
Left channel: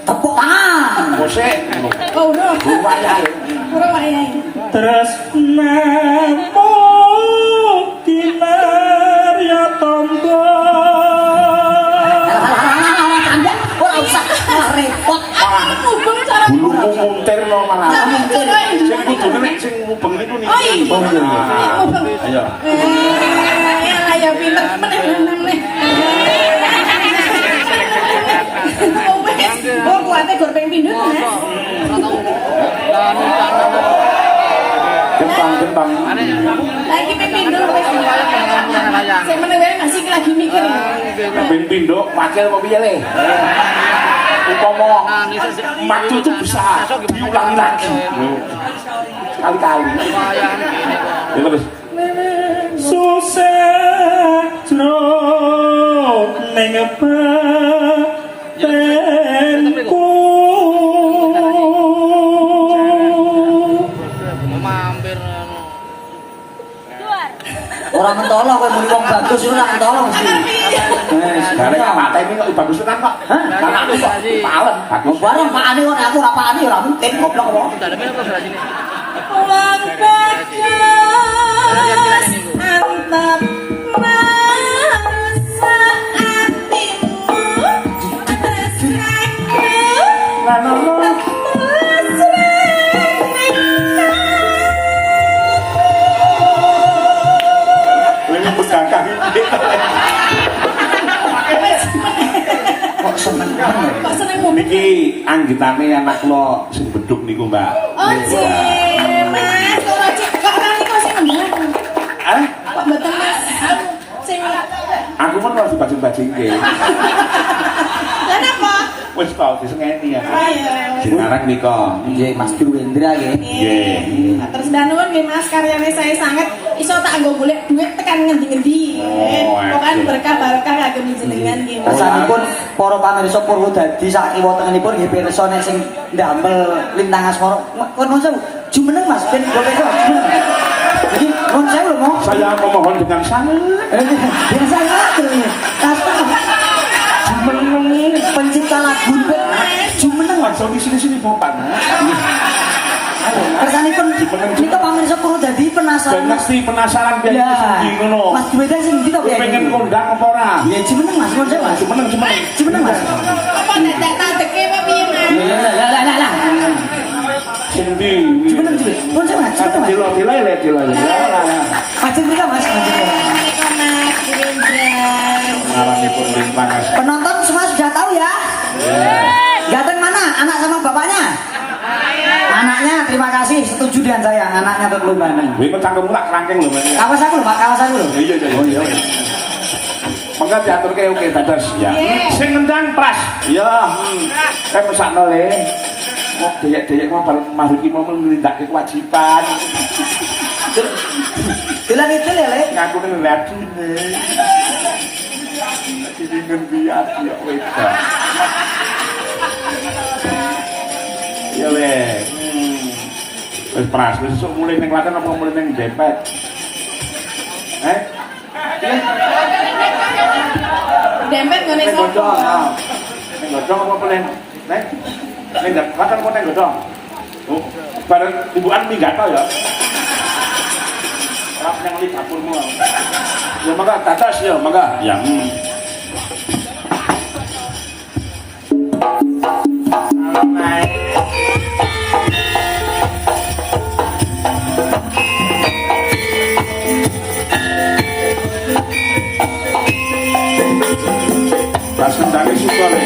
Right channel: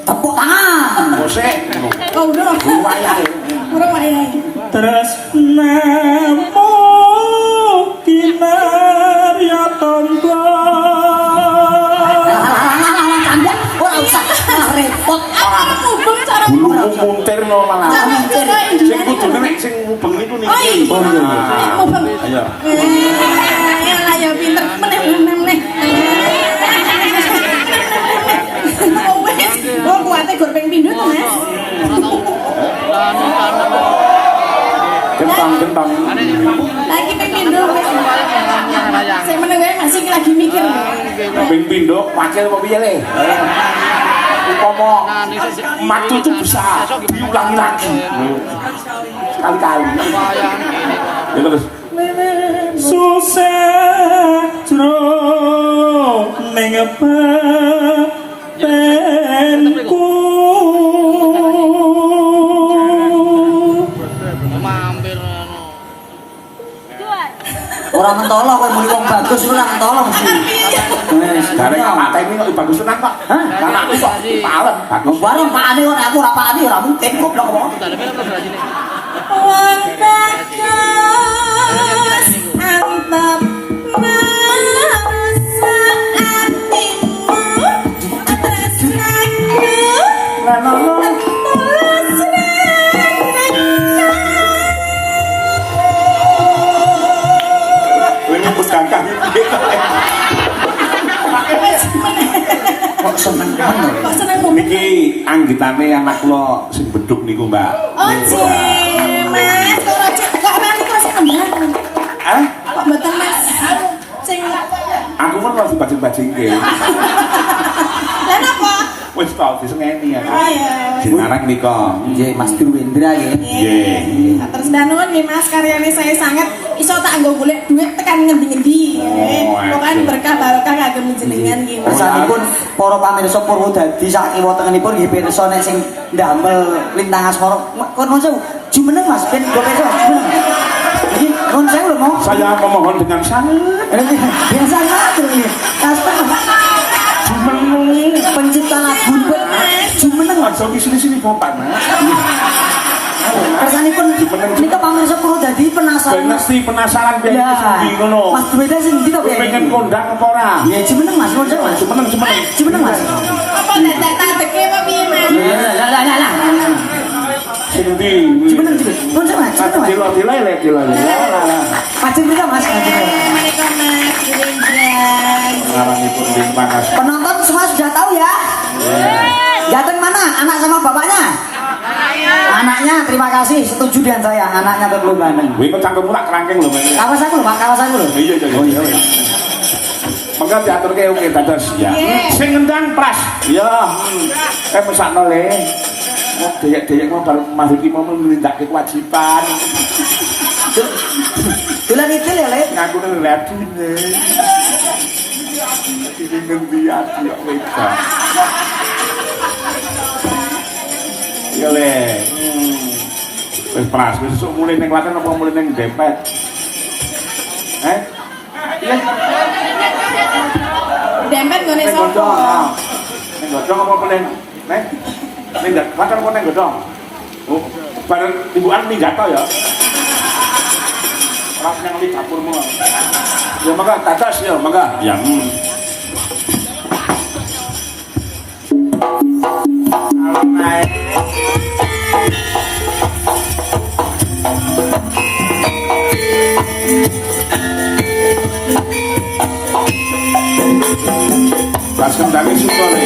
tepuk tangan. Mosek. Oh, udah. Wayahe. Udah, ayah. Terus namo kinarya tombo. Ora usah repot. Aku cara Bulu muntir lo malah. Mincir. Sing kudune nek sing mubeng niku niki. Oh iya. Ayo. Ayo pinter meneh. Oh, kuatnya goreng pindut, Mas. Gentong. Lagi pindut. Saya meneng wae masih lagi mikir. Ping pindho wakil apa piye le? Umpama matu itu besar, diulangi lagi. Sekali-kali. Ya terus. Susah tro ning tenku. Ora mentolo kowe muni wong bagus ora mentolo mesti. Wes, Dari mata ini kok bagus tenan kok. Hah? Mana kok palen bagus. bareng pakane kok aku ora pakane ora penting goblok kok. Ini bukan kami. Kok seneng. Niki anggitane anak kula sing beduk niku, Mbak. Oh, sih, Mas. Kok rani kok sing nembang? Ah, Kok mboten Mas? Sing aku pun mau dibajing-bajingke. Lah napa? Wis tau disengeni ya. Ayo. Jenarang nika. Nggih Mas Duwendra nggih. Nggih. Terus danun nih Mas karyane saya sangat iso tak nggo golek duit tekan ngendi-ngendi. Pokoke berkah barokah kagem jenengan nggih Mas. Sampun para pamirsa Purwodadi sak kiwa-tengenipun nggih pirsa nek sing ndamel lintang asmara. Kon mongso jumeneng Mas ben do pirsa. Iki kon sewu lho, Mo. Saya memohon dengan sangat Biasa terus ini. Jumeneng pencipta lagu pun jumeneng. aja sini Bapak. Kersanipun nika pamirsa Purwodadi penasaran. Mesti penasaran biar sendi ngono. Mas Duwendra sing ndi to Pengen kondang apa ora? Ya jumeneng Mas, kon Mas. Jumeneng Mas. Apa ndak tak teke apa piye Mas? Lah. Sing ndi? Jumeneng. Kon Mas. Dilo. Pacen kita Mas. Assalamualaikum Mas Dirindra. ngaranipun terima kasih. Penonton semua sudah tahu ya? Ganteng mana? Anak sama bapaknya? Anaknya, terima kasih. Setuju dengan saya. Anaknya terlalu ganteng. Wih, kok cangkemmu lak kerangkeng lho, Mas. Kawas aku lho, Pak. Kawas aku lho. Iya, iya. Maka diatur kayak oke dados ya. Sing ngendang pras. Ya. Kayak mesakno le. Wong deyek-deyek mau bareng makhluk iki mau menindakke kewajiban. Dolan itu ya, Le. Ngaku nang ladine. Iki ngendi ati kok wedok. Ya le. Wis pras, wis mulai ning Klaten apa mulai ning Dempet? Dempet gone Ning sopo? Godhong. Ning Godhong apa paling? Ning Klaten apa ning Godhong? Oh, bareng ibuan minggat ya. Pas nang li dapurmu. Ya maka tatas ya, maka. Ya. Naik. Langsung dari Sukole.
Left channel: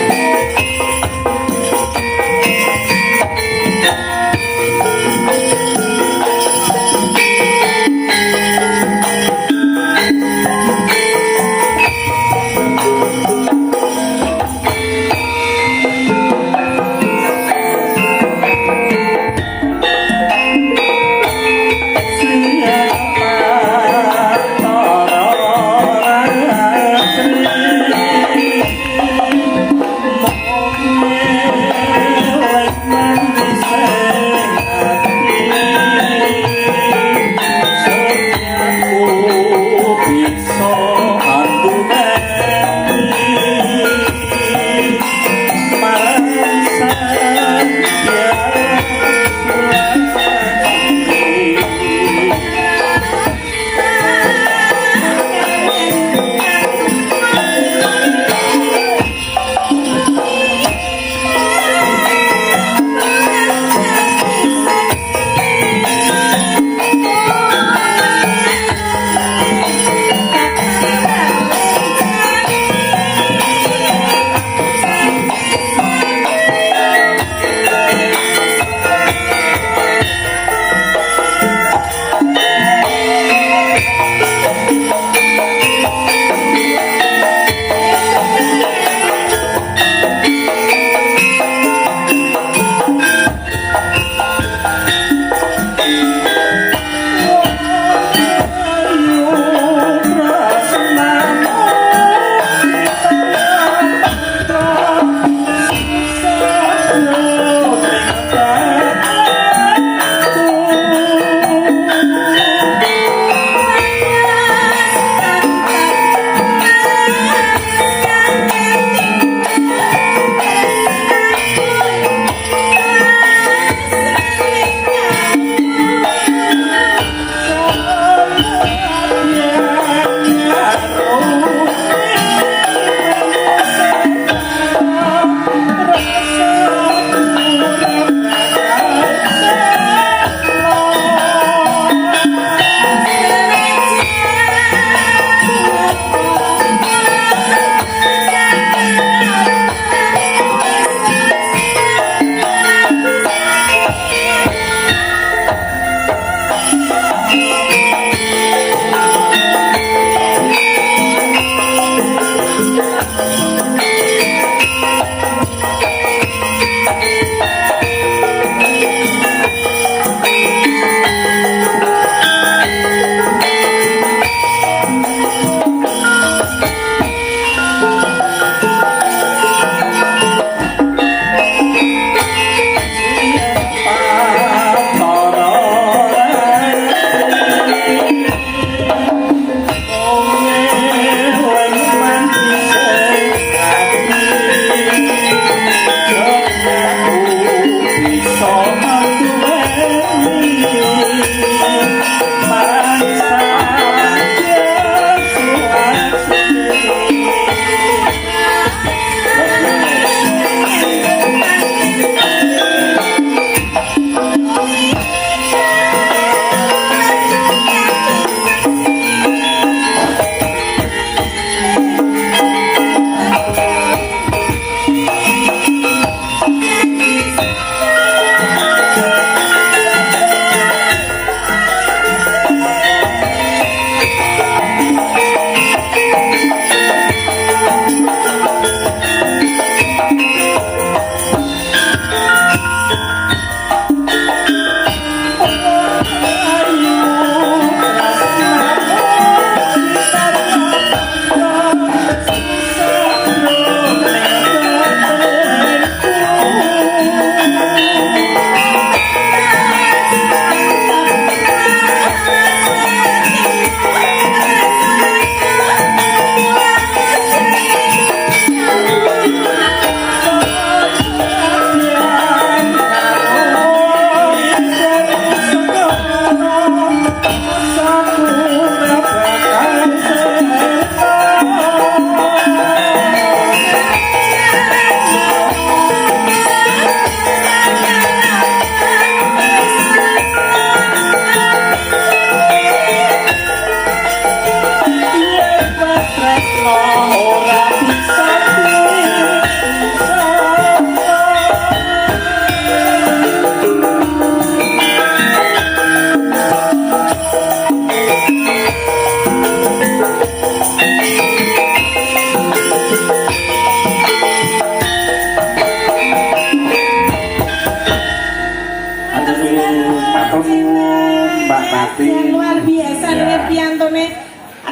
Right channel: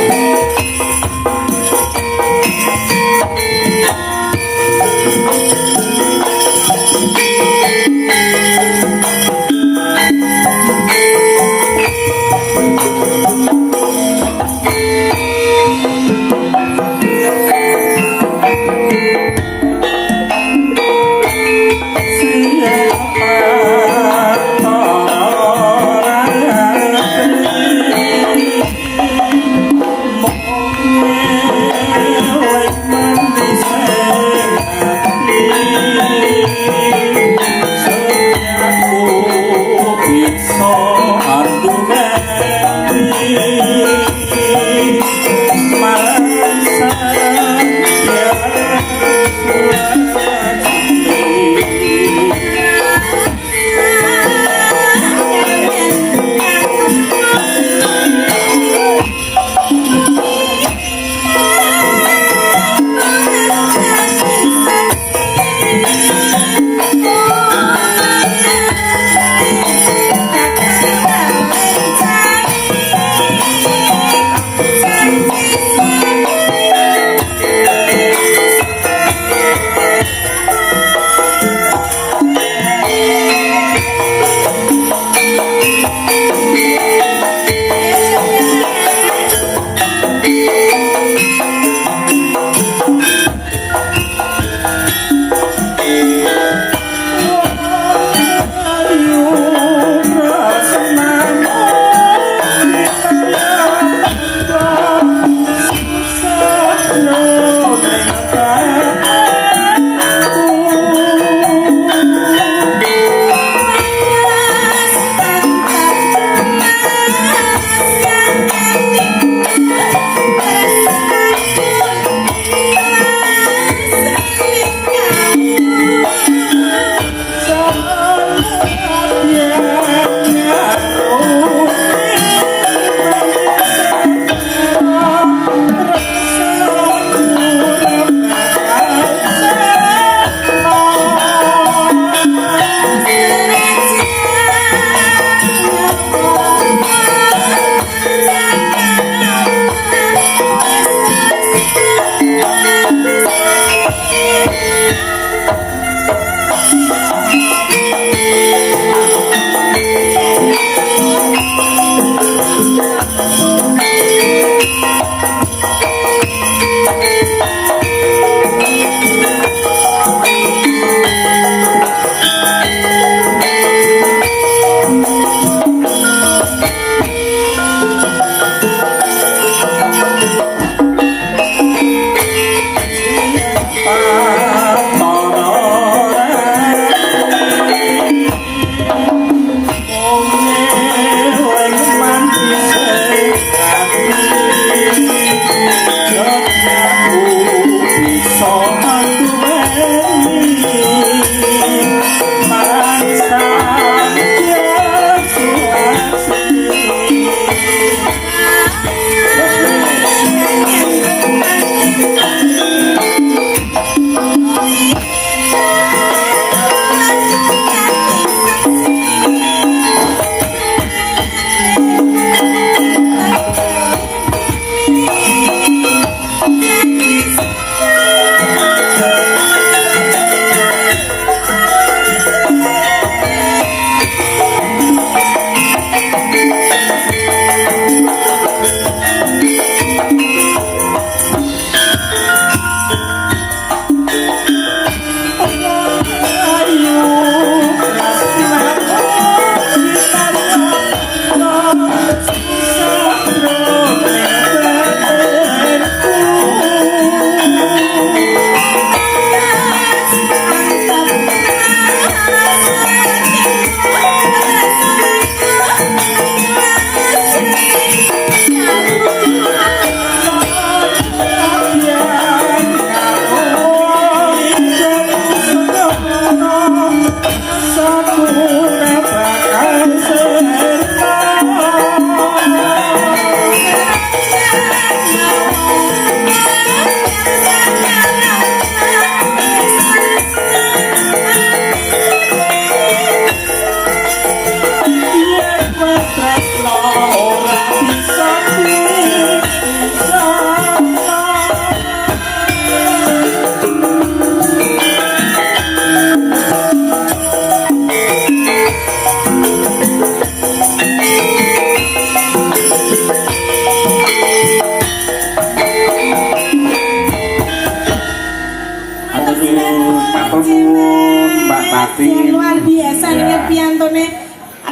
Mbak Tati. Yang luar biasa nih piantone.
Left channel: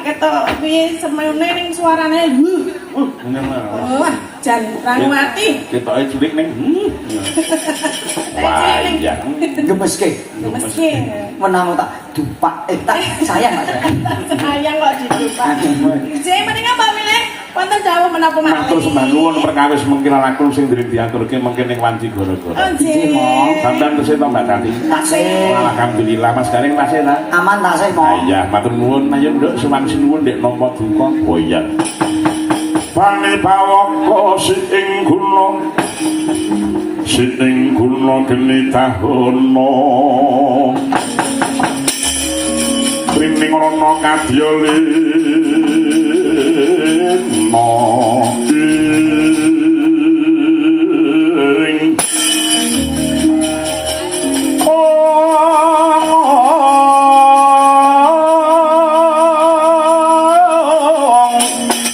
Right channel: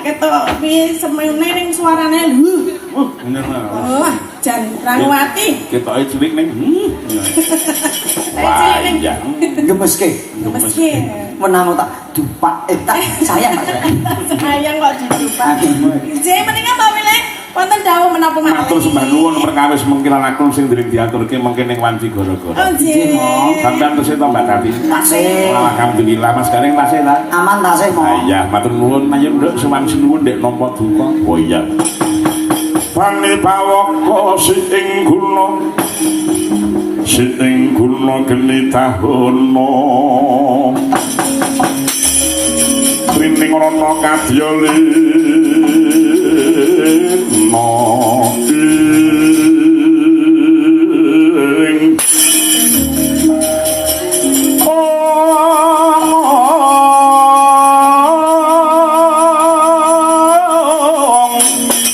Ketok piye semene ning suarane. Wah, jan Ranwati. Ketoke cilik ning. Wah, iya. Gemeske. Meski Menang tak dupak tak sayang. sayang kok didupak. Jek mendingan Mbak Wile wonten dawuh menapa Matur sembah nuwun perkawis mungkin aku sing ndrim diaturke mungkin ning wanci gara-gara. Oh, Jek. Sampeyan terus to Mbak Tati. Tasih. Alhamdulillah Mas Garing tasih ta. Aman tasih Ah, Mong. iya, matur nuwun ayo nduk suwan sinuwun ndek nampa duka. Oh iya. Pane pawoko sing guna geni tahono Ring rono kadya lino